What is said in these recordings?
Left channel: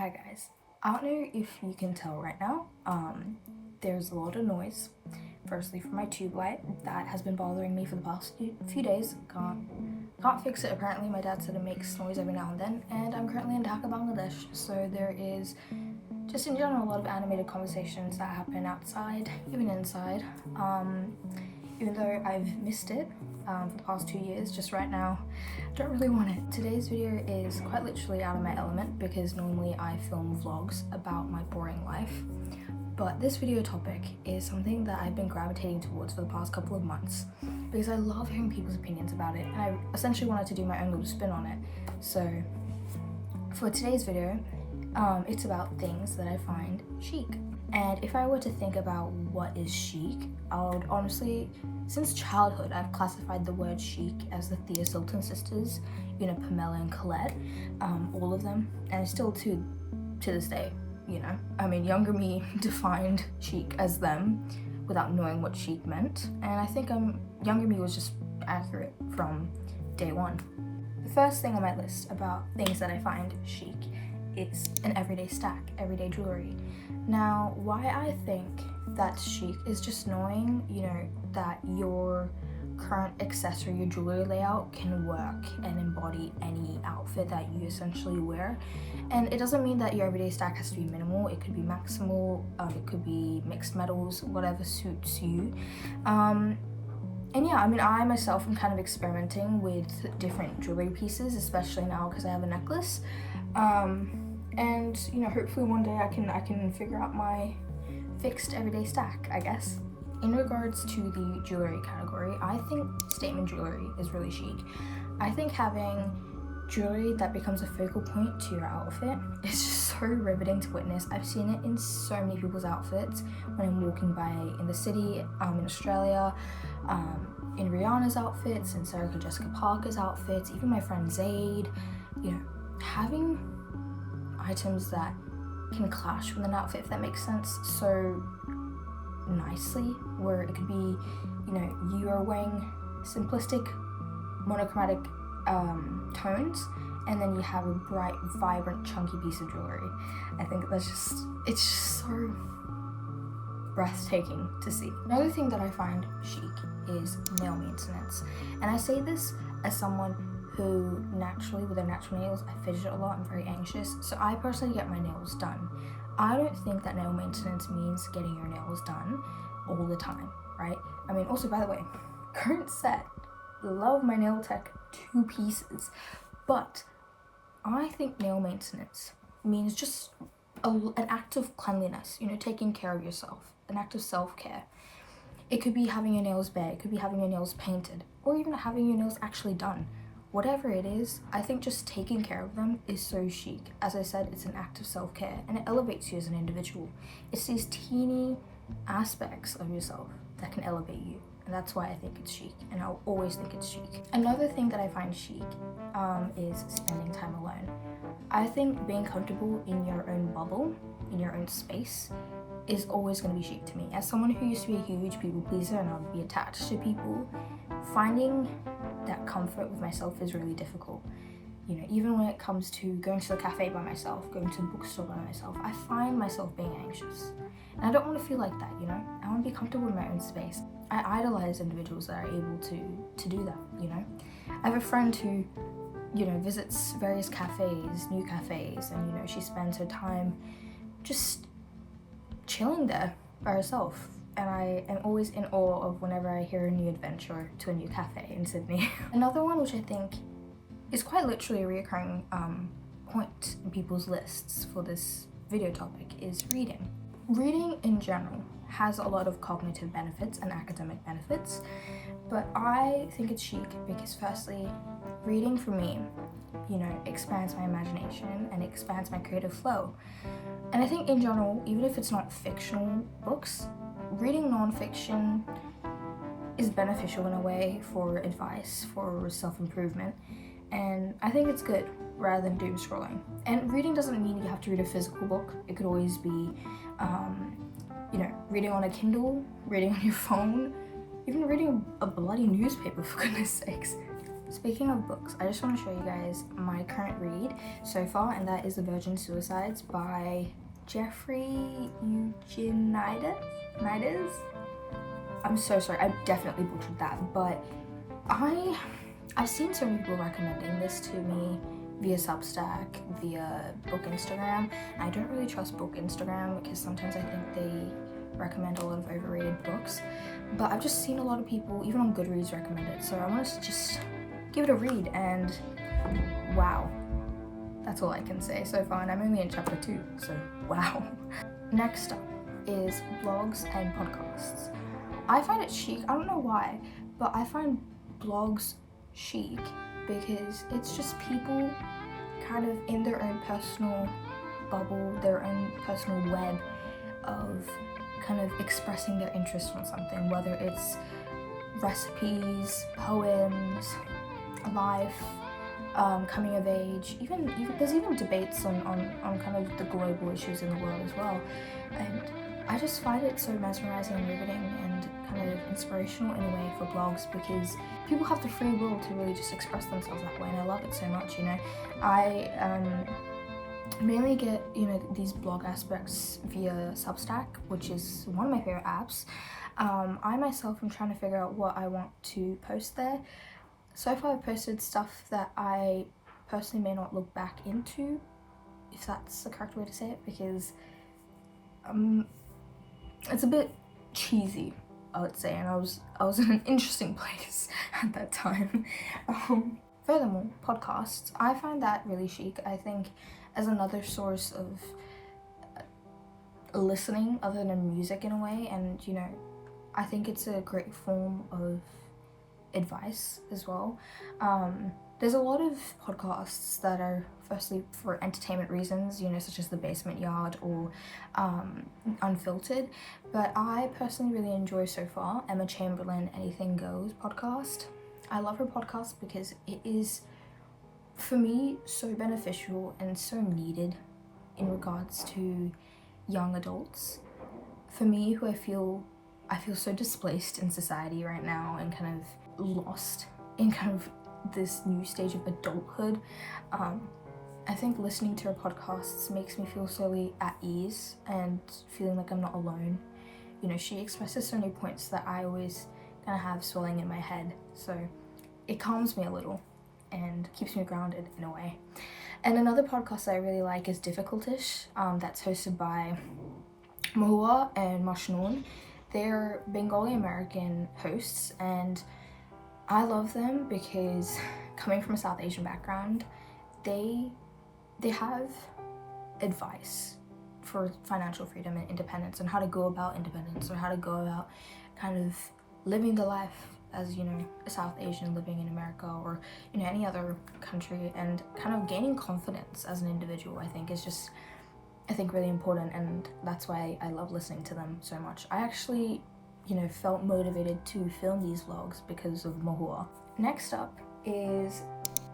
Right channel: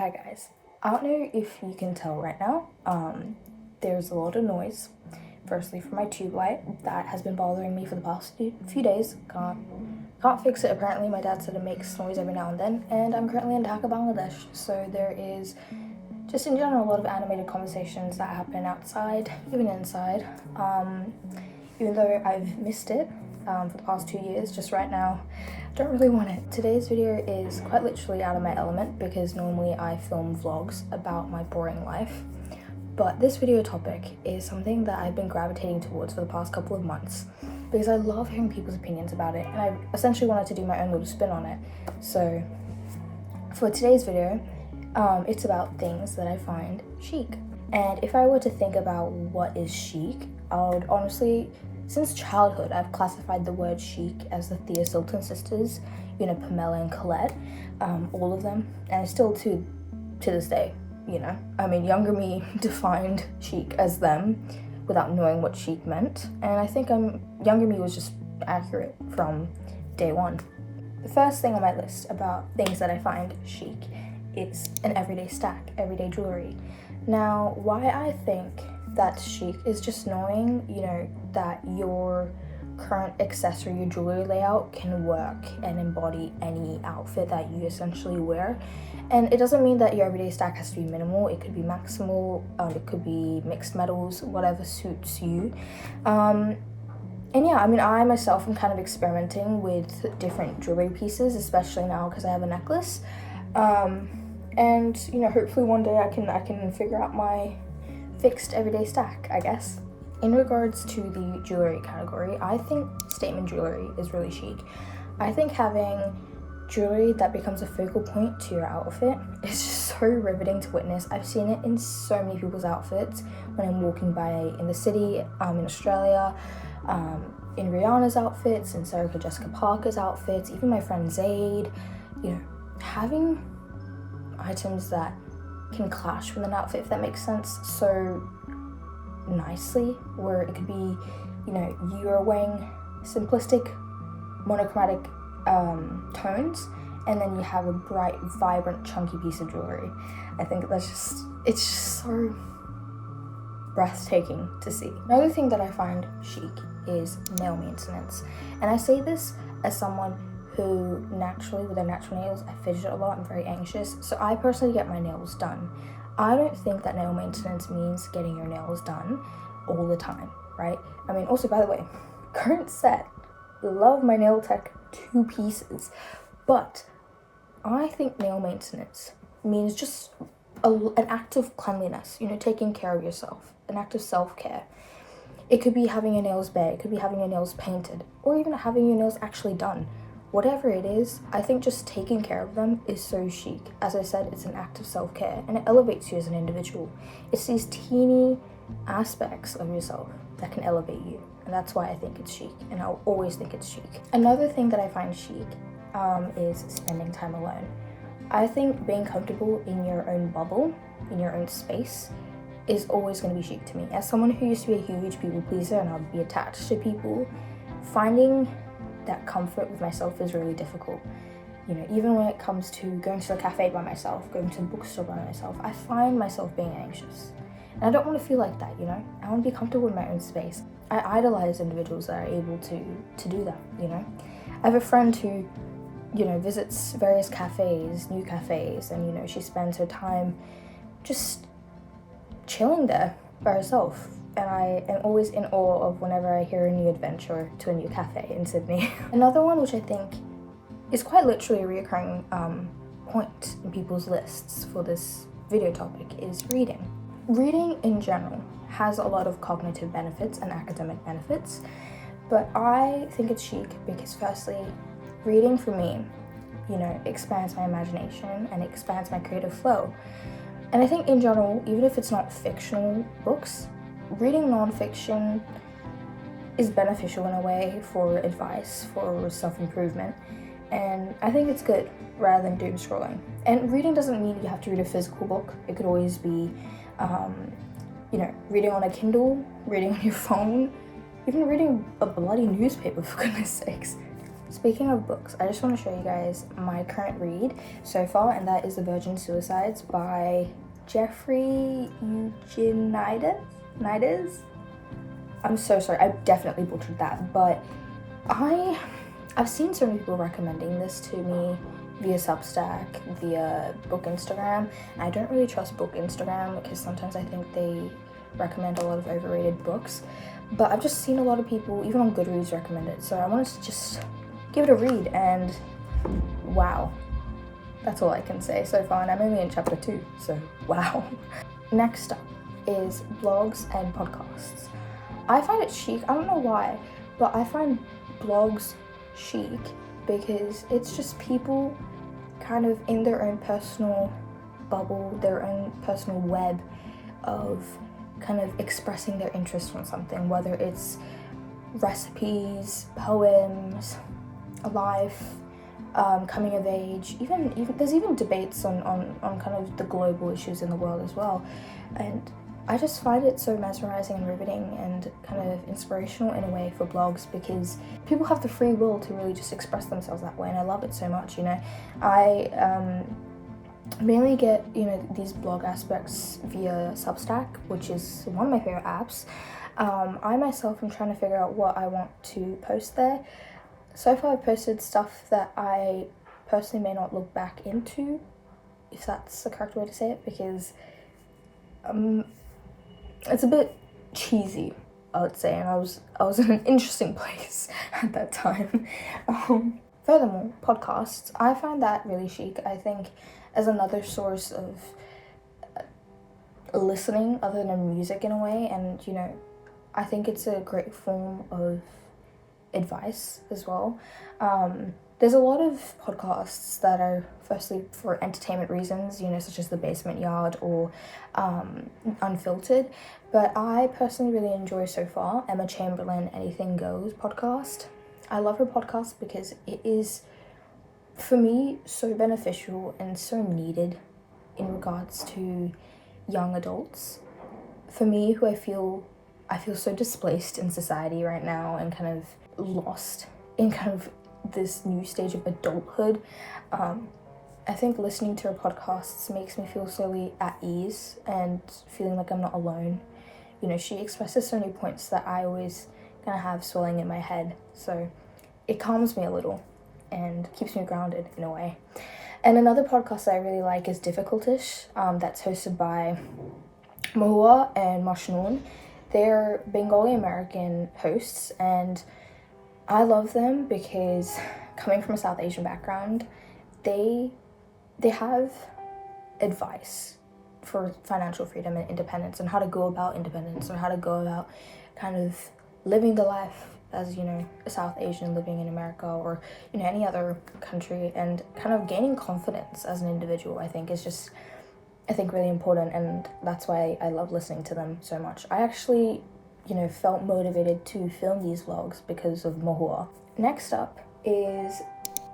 Hi guys, I don't know if you can tell right now, there's a lot of noise. Firstly from my tube light that has been bothering me for the past few days. Can't fix it apparently. My dad said it makes noise every now and then, and I'm currently in Dhaka, Bangladesh, so there is just in general a lot of animated conversations that happen outside, even inside. Even though I've missed it for the past 2 years, just right now I don't really want it. Today's video is quite literally out of my element because normally I film vlogs about my boring life, but this video topic is something that I've been gravitating towards for the past couple of months because I love hearing people's opinions about it, and I essentially wanted to do my own little spin on it. So for today's video, it's about things that I find chic. And if I were to think about what is chic, I would honestly, since childhood, I've classified the word chic as the Thea Sultan sisters, you know, Pamela and Colette, all of them, and still to this day, you know. I mean, younger me defined chic as them without knowing what chic meant, and I think younger me was just accurate from day one. The first thing on my list about things that I find chic is an everyday stack, everyday jewelry. Now, why I think that's chic is just knowing, you know, that your current accessory, your jewelry layout can work and embody any outfit that you essentially wear. And it doesn't mean that your everyday stack has to be minimal. It could be maximal, it could be mixed metals, whatever suits you. And yeah, I mean, I myself am kind of experimenting with different jewelry pieces, especially now because I have a necklace. And you know, hopefully one day I can figure out my fixed everyday stack, I guess. In regards to the jewelry category, I think statement jewelry is really chic. I think having jewelry that becomes a focal point to your outfit is just so riveting to witness. I've seen it in so many people's outfits when I'm walking by in the city, in Australia, in Rihanna's outfits, in Sarah Jessica Parker's outfits, even my friend Zayd. You know, having items that can clash with an outfit, if that makes sense, so nicely, where it could be, you know, you are wearing simplistic monochromatic tones, and then you have a bright, vibrant, chunky piece of jewelry. I think it's just so breathtaking to see. Another thing that I find chic is nail maintenance, and I say this as someone who naturally, with their natural nails, I fidget a lot, I'm very anxious, so I personally get my nails done. I don't think that nail maintenance means getting your nails done all the time, right? I mean, also, by the way, current set, love my nail tech 2 pieces, but I think nail maintenance means just an act of cleanliness, you know, taking care of yourself, an act of self-care. It could be having your nails bare, it could be having your nails painted, or even having your nails actually done. Whatever it is, I think just taking care of them is so chic. As I said, it's an act of self-care, and it elevates you as an individual. It's these teeny aspects of yourself that can elevate you, and that's why I think it's chic, and I'll always think it's chic. Another thing that I find chic is spending time alone. I think being comfortable in your own bubble, in your own space, is always going to be chic to me. As someone who used to be a huge people pleaser and I'll be attached to people, finding that comfort with myself is really difficult. You know, even when it comes to going to the cafe by myself, going to the bookstore by myself, I find myself being anxious. And I don't want to feel like that, you know? I want to be comfortable in my own space. I idolize individuals that are able to do that, you know? I have a friend who, you know, visits various cafes, new cafes, and, you know, she spends her time just chilling there by herself. And I am always in awe of whenever I hear a new adventure to a new cafe in Sydney. Another one which I think is quite literally a reoccurring point in people's lists for this video topic is reading. Reading in general has a lot of cognitive benefits and academic benefits, but I think it's chic because firstly, reading for me, you know, expands my imagination and expands my creative flow. And I think in general, even if it's not fictional books, reading non-fiction is beneficial in a way for advice, for self-improvement, and I think it's good rather than doom scrolling. And reading doesn't mean you have to read a physical book. It could always be, you know, reading on a Kindle, reading on your phone, even reading a bloody newspaper, for goodness sakes. Speaking of books, I just want to show you guys my current read so far, and that is The Virgin Suicides by Jeffrey Eugenides. I'm so sorry, I definitely butchered that, but I've seen so many people recommending this to me via Substack, via book Instagram. I don't really trust book Instagram because sometimes I think they recommend a lot of overrated books, but I've just seen a lot of people, even on Goodreads, recommend it, so I wanted to just give it a read, and wow, that's all I can say so far, and I'm only in chapter 2, so wow. Next up is blogs and podcasts. I find it chic, I don't know why, but I find blogs chic because it's just people kind of in their own personal bubble, their own personal web of kind of expressing their interest on something, whether it's recipes, poems, life, coming of age, even there's even debates on kind of the global issues in the world as well, and I just find it so mesmerizing and riveting and kind of inspirational in a way for blogs, because people have the free will to really just express themselves that way, and I love it so much. I mainly get these blog aspects via Substack, which is one of my favorite apps. I myself am trying to figure out what I want to post there. So far I've posted stuff that I personally may not look back into, if that's the correct way to say it, because it's a bit cheesy, I would say, and I was in an interesting place at that time. Furthermore, podcasts, I find that really chic, I think, as another source of listening other than music in a way, and I think it's a great form of advice as well. There's a lot of podcasts that are firstly for entertainment reasons, such as The Basement Yard or Unfiltered, but I personally really enjoy so far Emma Chamberlain Anything Goes podcast. I love her podcast because it is, for me, so beneficial and so needed in regards to young adults. For me, who I feel so displaced in society right now and kind of lost in kind of this new stage of adulthood. I think listening to her podcasts makes me feel slowly at ease and feeling like I'm not alone. She expresses so many points that I always kind of have swelling in my head, so it calms me a little and keeps me grounded in a way. And another podcast that I really like is Difficultish, that's hosted by Mahua and Mashnoon. They're Bengali American hosts, and I love them because, coming from a South Asian background, they have advice for financial freedom and independence, and how to go about independence, or how to go about kind of living the life as a South Asian living in America or any other country, and kind of gaining confidence as an individual. I think is just really important, and that's why I love listening to them so much. I actually felt motivated to film these vlogs because of Mahua. Next up is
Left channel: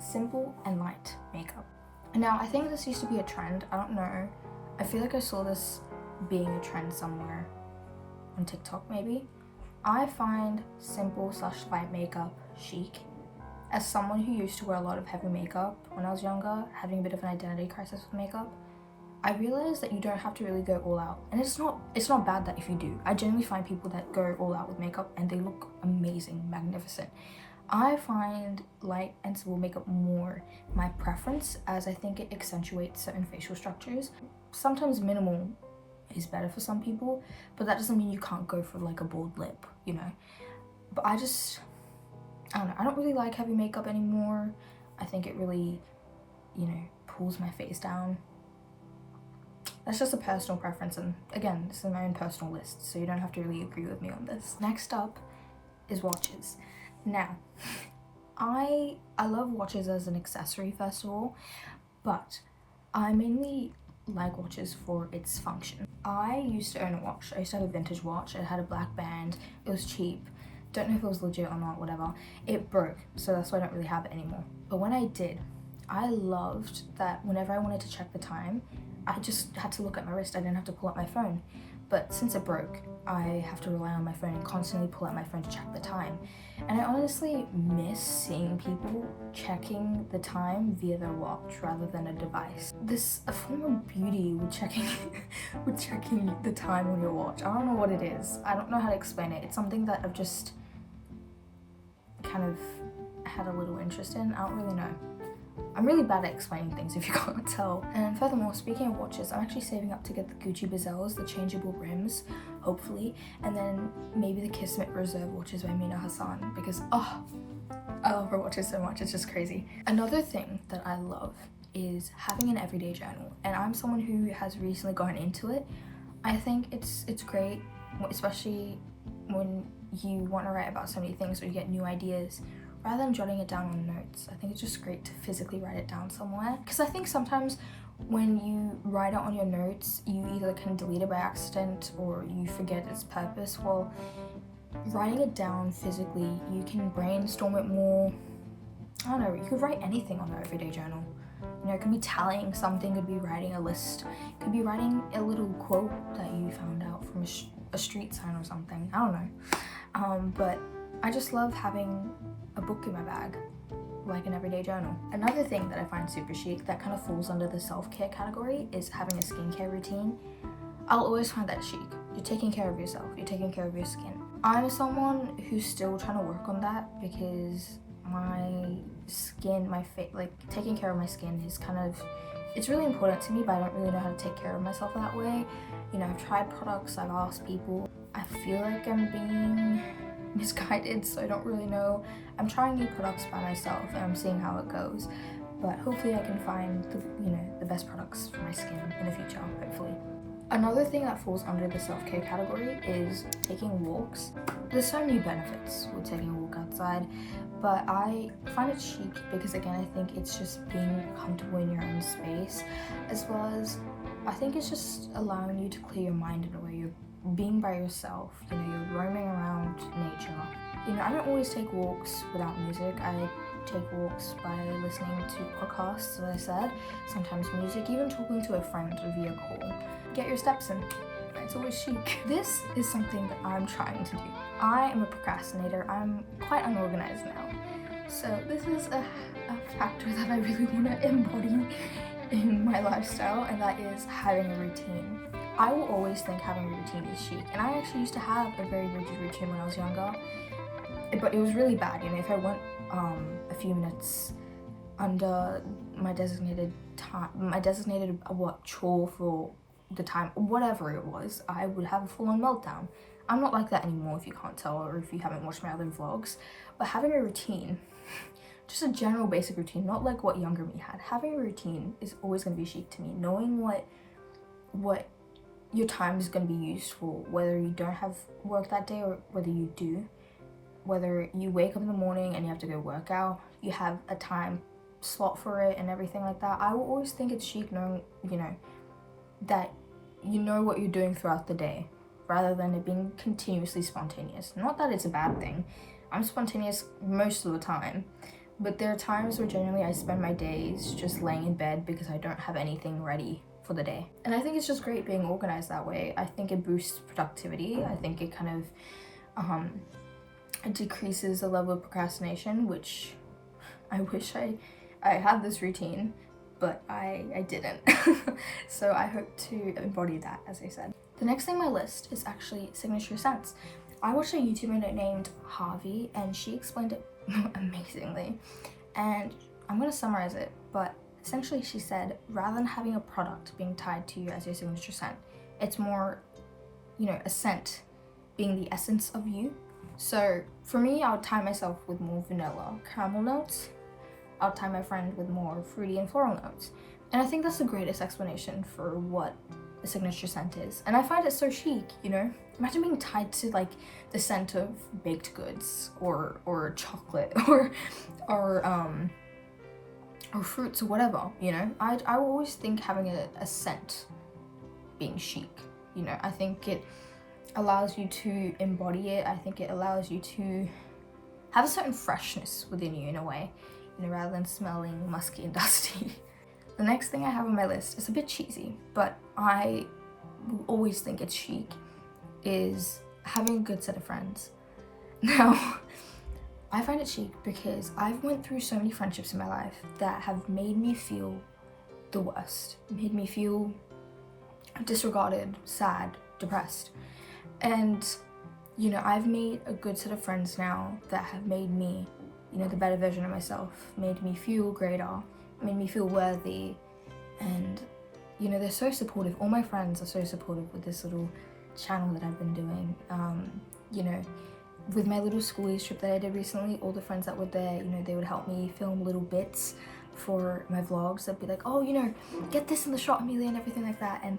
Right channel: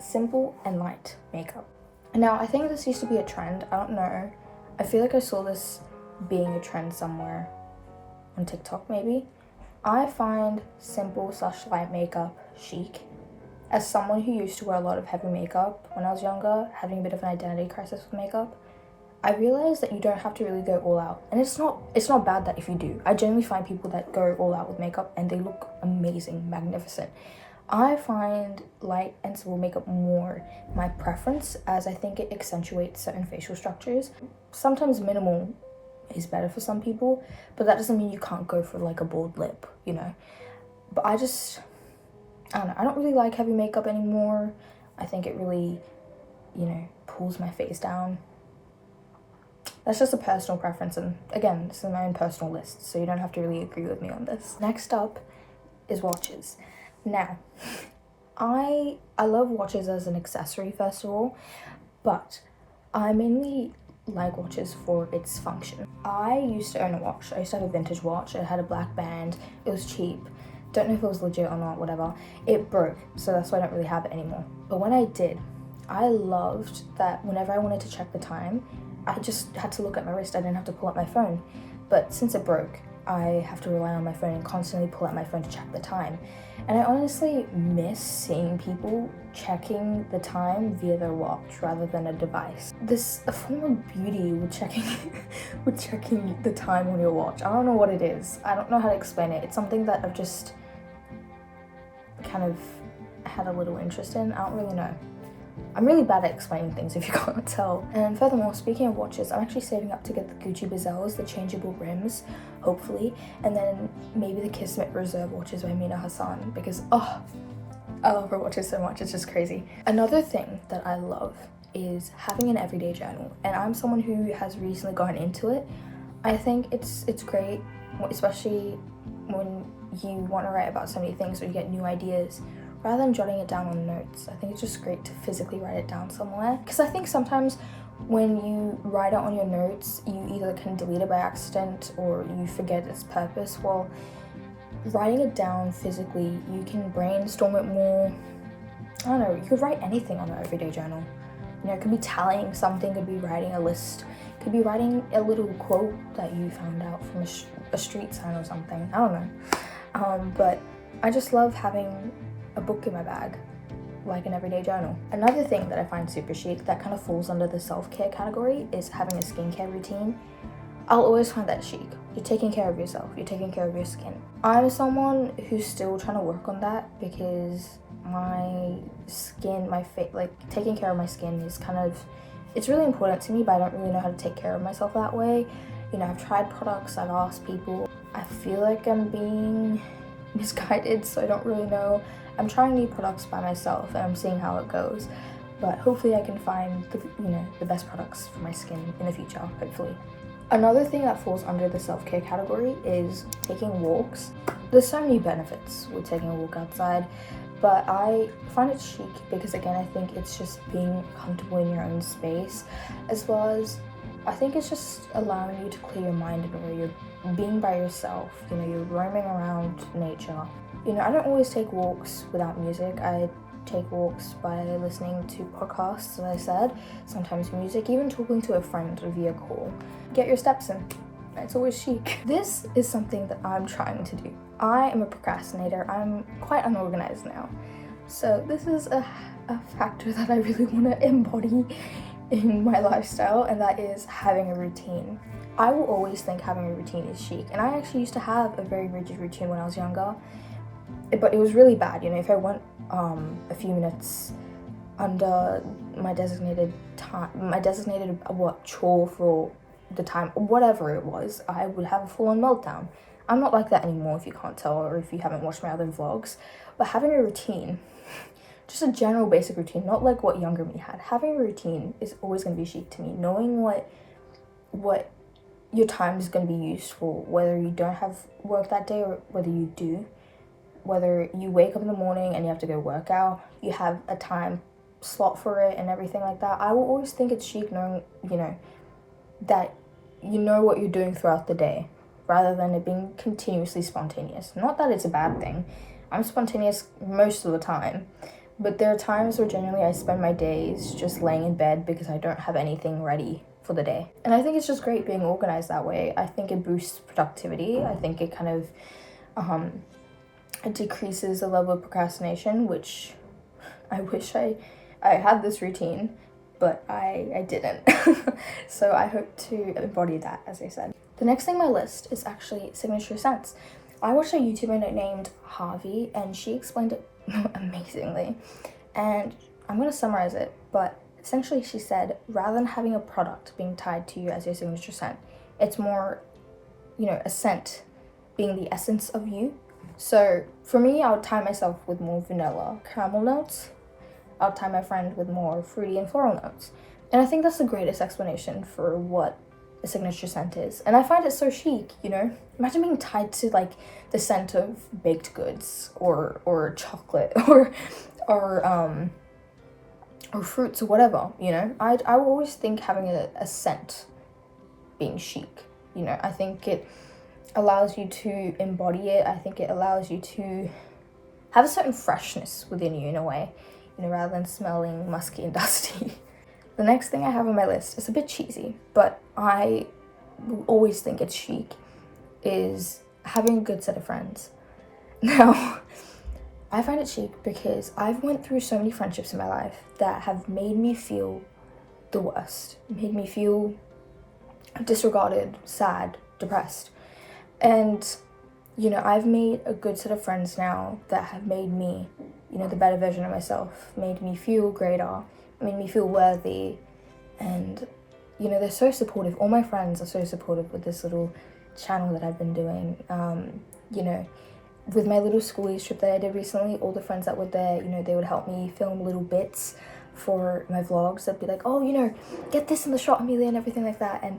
simple and light makeup. Now, I think this used to be a trend, I don't know. I feel like I saw this being a trend somewhere on TikTok maybe. I find simple/light makeup chic. As someone who used to wear a lot of heavy makeup when I was younger, having a bit of an identity crisis with makeup, I realized that you don't have to really go all out, and it's not bad that if you do. I generally find people that go all out with makeup and they look amazing, magnificent. I find light and simple makeup more my preference, as I think it accentuates certain facial structures. Sometimes minimal is better for some people, but that doesn't mean you can't go for like a bold lip, But I don't know, I don't really like heavy makeup anymore. I think it really, pulls my face down. That's just a personal preference, and again, this is my own personal list, so you don't have to really agree with me on this. Next up is watches. Now, I love watches as an accessory, first of all, but I mainly like watches for its function. I used to own a watch. I used to have a vintage watch. It had a black band. It was cheap. Don't know if it was legit or not, whatever. It broke, so that's why I don't really have it anymore. But when I did, I loved that whenever I wanted to check the time, I just had to look at my wrist. I didn't have to pull up my phone. but since it broke, I have to rely on my phone and constantly pull out my phone to check the time. And I honestly miss seeing people checking the time via their watch rather than a device. There's a form of beauty with checking with checking the time on your watch. I don't know what it is. I don't know how to explain it. It's something that I've just kind of had a little interest in. I don't really know. I'm really bad at explaining things if you can't tell. And furthermore, speaking of watches, I'm actually saving up to get the Gucci Bezels, the changeable rims, hopefully, and then maybe the Kismet Reserve watches by Mina Hassan, because I love her watches so much, it's just crazy. Another thing that I love is having an everyday journal, and I'm someone who has recently gotten into it. I think it's great, especially when you want to write about so many things or you get new ideas. Rather than jotting it down on notes, I think it's just great to physically write it down somewhere. Because I think sometimes when you write it on your notes, you either can delete it by accident or you forget its purpose. Well, writing it down physically, you can brainstorm it more. I don't know, you could write anything on an everyday journal. You know, it could be tallying something, it could be writing a list, it could be writing a little quote that you found out from a street sign or something. I don't know. But I just love having a book in my bag, like an everyday journal. Another thing that I find super chic that kind of falls under the self-care category is having a skincare routine. I'll always find that chic. You're taking care of yourself, you're taking care of your skin. I'm someone who's still trying to work on that because my skin, like taking care of my skin is kind of, it's really important to me, but I don't really know how to take care of myself that way. You know, I've tried products, I've asked people. I feel like I'm being misguided, so I don't really know. I'm trying new products by myself and I'm seeing how it goes, but hopefully I can find the best products for my skin in the future, hopefully. Another thing that falls under the self-care category is taking walks. There's so many benefits with taking a walk outside, but I find it chic because, again, I think it's just being comfortable in your own space, as well as I think it's just allowing you to clear your mind in a way. You're being by yourself, you know, you're roaming around nature. You know, I don't always take walks without music. I take walks by listening to podcasts, as I said, sometimes music, even talking to a friend via call. Get your steps in. It's always chic. This is something that I'm trying to do. I am a procrastinator. I'm quite unorganized now. So this is a factor that I really want to embody in my lifestyle, and that is having a routine. I will always think having a routine is chic, and I actually used to have a very rigid routine when I was younger, but it was really bad. You know, if I went a few minutes under my designated time, chore for the time, whatever it was, I would have a full-on meltdown. I'm not like that anymore, if you can't tell, or if you haven't watched my other vlogs. But having a routine, just a general basic routine, not like what younger me had. Having a routine is always going to be chic to me. Knowing what your time is going to be used for, whether you don't have work that day or whether you do, whether you wake up in the morning and you have to go work out, you have a time slot for it and everything like that. I will always think it's chic knowing, you know, that you know what you're doing throughout the day, rather than it being continuously spontaneous. Not that it's a bad thing. I'm spontaneous most of the time, but there are times where generally I spend my days just laying in bed because I don't have anything ready for the day. And I think it's just great being organized that way. I think it boosts productivity. I think it kind of it decreases the level of procrastination, which I wish I had this routine, but I didn't. So I hope to embody that, as I said. The next thing on my list is actually signature scents. I watched a YouTuber named Harvey, and she explained it amazingly. And I'm going to summarize it, but essentially she said, rather than having a product being tied to you as your signature scent, it's more, you know, a scent being the essence of you. So for me, I would tie myself with more vanilla caramel notes. I'll tie my friend with more fruity and floral notes. And I think that's the greatest explanation for what a signature scent is. And I find it so chic, you know? Imagine being tied to like the scent of baked goods or chocolate or fruits or whatever, you know? I will always think having a scent being chic, you know? I think it allows you to embody it. I think it allows you to have a certain freshness within you in a way, you know, rather than smelling musky and dusty. The next thing I have on my list is a bit cheesy, but I will always think it's chic is having a good set of friends. Now, I find it chic because I've went through so many friendships in my life that have made me feel the worst, made me feel disregarded, sad, depressed. And, you know, I've made a good set of friends now that have made me, you know, the better version of myself, made me feel greater, made me feel worthy. And, you know, they're so supportive. All my friends are so supportive with this little channel that I've been doing. You know, with my little schoolies trip that I did recently, all the friends that were there, you know, they would help me film little bits for my vlogs. They'd be like, oh, you know, get this in the shot, Amelia, and everything like that. And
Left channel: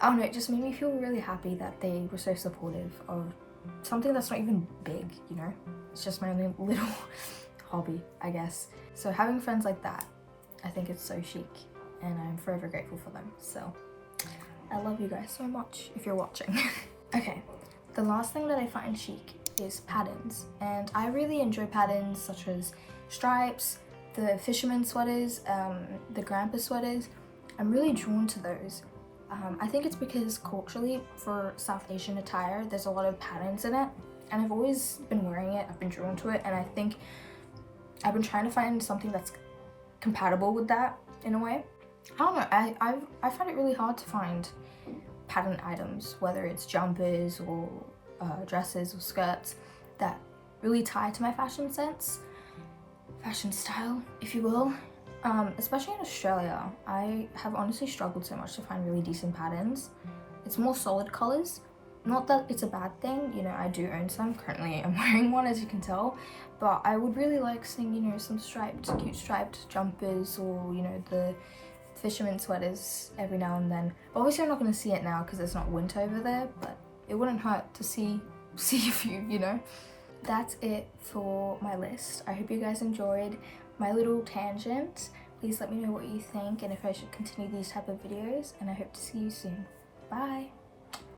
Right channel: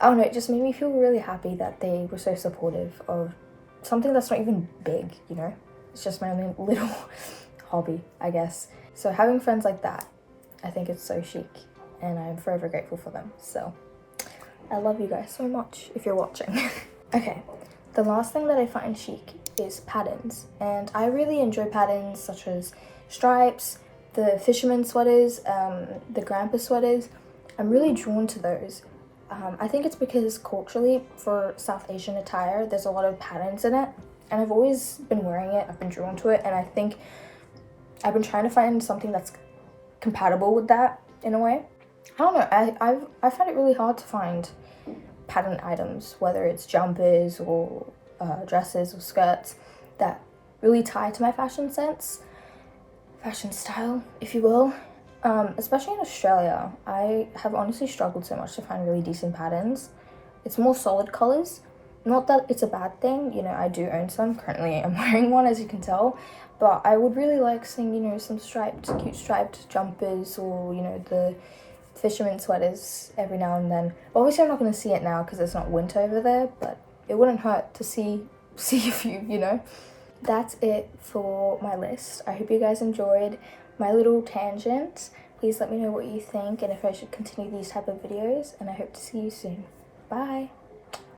I don't know, it just made me feel really happy that they were so supportive of something that's not even big, you know? It's just my only little hobby, I guess. So having friends like that, I think it's so chic, and I'm forever grateful for them. So I love you guys so much if you're watching. Okay, the last thing that I find chic is patterns, and I really enjoy patterns such as stripes, the fisherman sweaters, the grandpa sweaters. I'm really drawn to those. I think it's because culturally for South Asian attire, there's a lot of patterns in it, and I've always been wearing it, I've been drawn to it, and I think I've been trying to find something that's compatible with that in a way. I don't know, I find it really hard to find pattern items, whether it's jumpers or dresses or skirts that really tie to my fashion sense, fashion style, if you will. Especially in Australia, I have honestly struggled so much to find really decent patterns. It's more solid colors. Not that it's a bad thing, you know, I do own some. Currently I'm wearing one, as you can tell, but I would really like seeing, you know, some cute striped jumpers, or, you know, the fisherman sweaters every now and then. But obviously I'm not going to see it now because it's not winter over there, but it wouldn't hurt to see a few, you know. That's it for my list. I hope you guys enjoyed my little tangent. Please let me know what you think and if I should continue these type of videos, and I hope to see you soon. Bye.